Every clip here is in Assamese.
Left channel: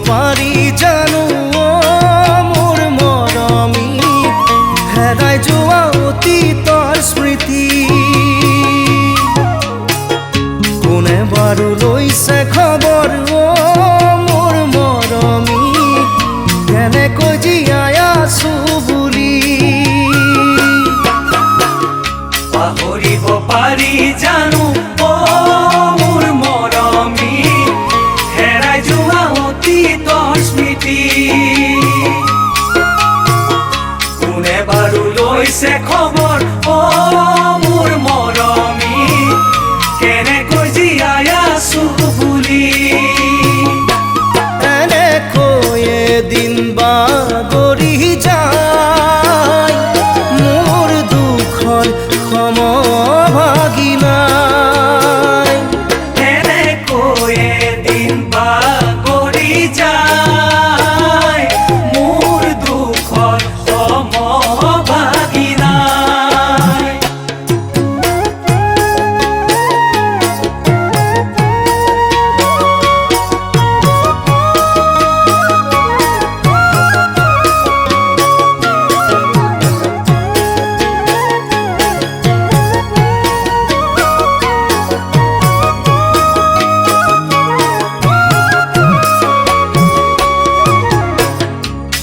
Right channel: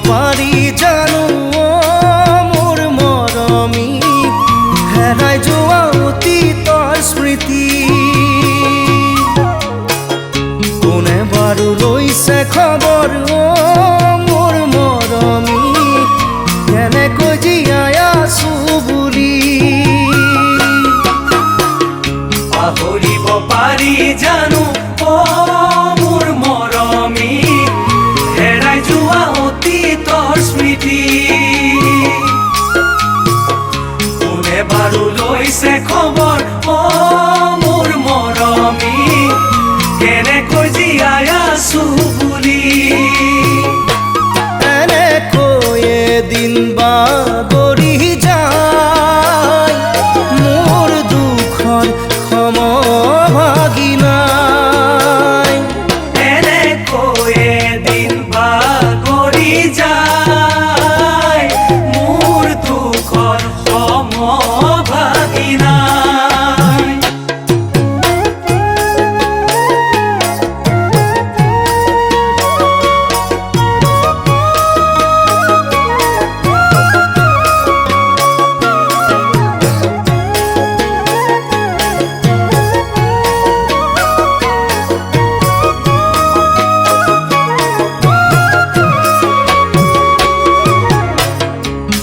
পাৰি জানো মোৰ মৰমী হেৰাই যোৱা অতীতৰ স্মৃতি কোনে বাৰু লৈছে খবৰ মোৰ মৰমী কেনেকৈ জীয়াই আছো বুলি পাহৰিব পাৰি জানো মোৰ মৰমী হেৰাই যোৱা অতীতৰ স্মৃতি কোনে বাৰু লৈছে খবৰ মোৰ মৰমী কেনেকৈ জীয়াই আছো বুলি এনেকৈ এদিন বাগৰি যায় মোৰ দুখৰ সমভাগী নাই এনেকৈ এদিন বাগৰি যায় মোৰ দুখৰ সমভাগী নাই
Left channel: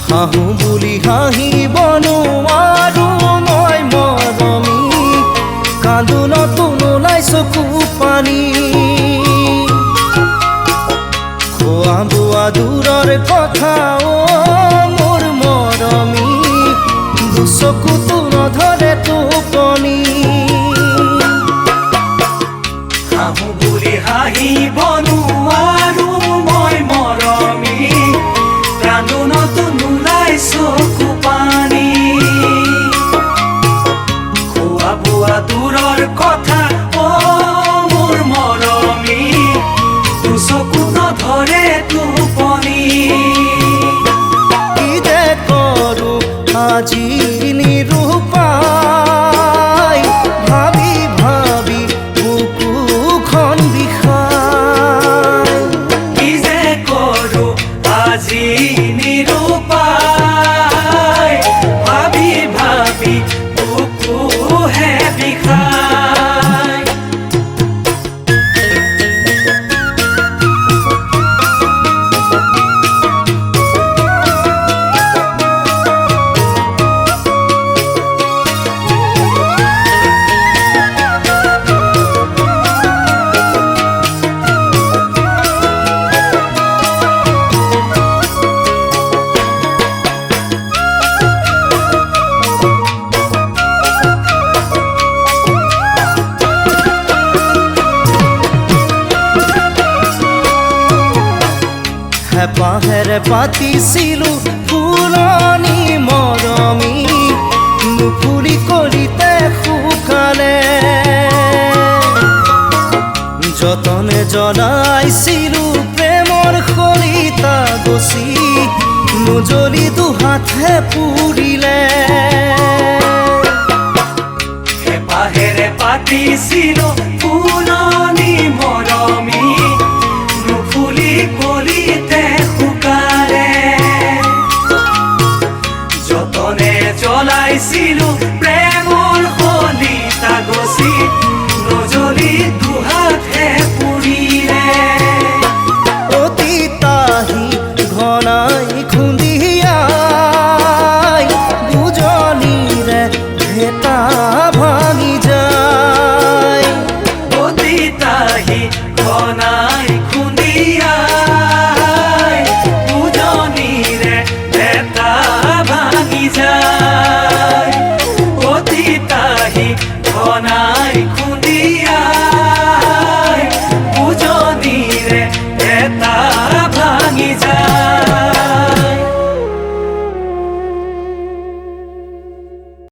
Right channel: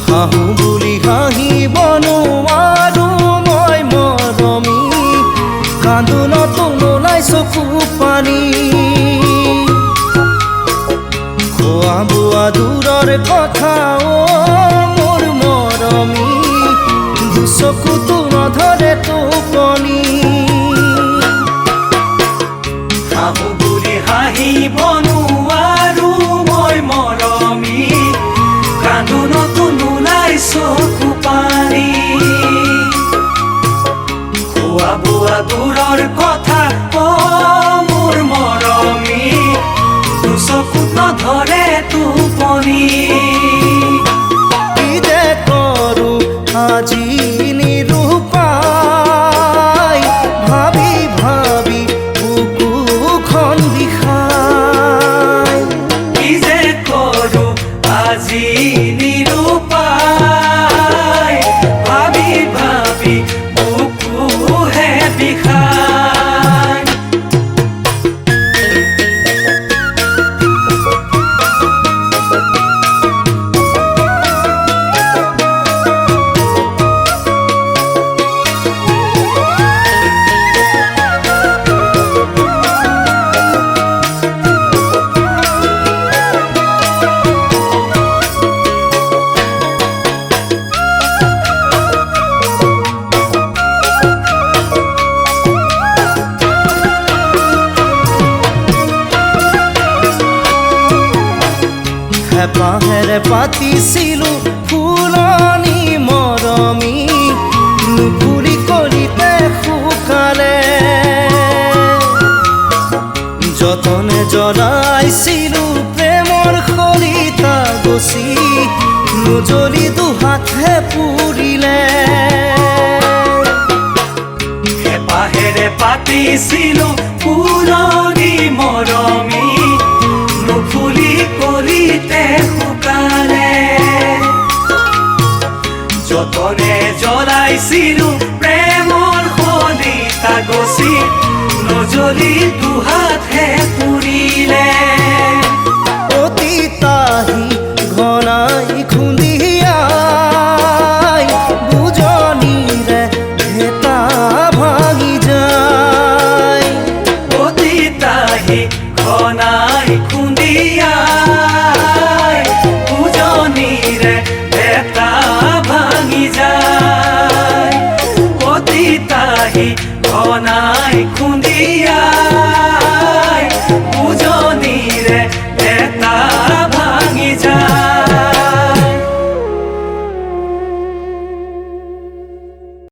হাঁহো বুলি হাঁহিব নোৱাৰো মই মৰমী কান্দোনতো নোলাই চকু পানী খোৱা বোৱা দূৰৰ কথা মোৰ মৰমী দুচকুতো নধৰে টোপনি হাঁহো বুলি হাঁহিব নোৱাৰো মই মৰমী কান্দোনতো নোলাই চকু পানী খোৱা বোৱা দূৰৰ কথা মোৰ মৰমী দুচকু নধৰে টোপনি কি যে কৰো আজি নিৰূপায় ভাবি ভাবি বুকুখন বিষায় কি যে কৰো আজি নিৰূপায় ভাবি ভাবি বুকুহে বিষায় হেঁপাহেৰে পাতিছিলো ফুলনি মৰমী নুফুলি কলিতে শুকালে যতনে জ্বলাইছিলো প্ৰেমৰ খৰিতা গছি নুজ্বলি দুহাতহে পুৰিলে হেঁপাহেৰে পাতিছিলো ফুলনি মৰমী নুফুলি কলিতে শুকালে যতনে জ্বলাইছিলো প্ৰেমৰ খলিতা গছি নজ্বলি দুহাতহে পুৰিলে অতীতাহি ঘনাই খুন্দিয়াই বুজনিৰে ভেটা ভাঙি যায় অতীতাহি ঘনাই খুন্দিয়াই বুজনিৰে ভেটা ভাঙি যায় অতীতাহি ঘনাই খুন্দিয়াই বুজনিৰে ভেটা ভাঙি যায়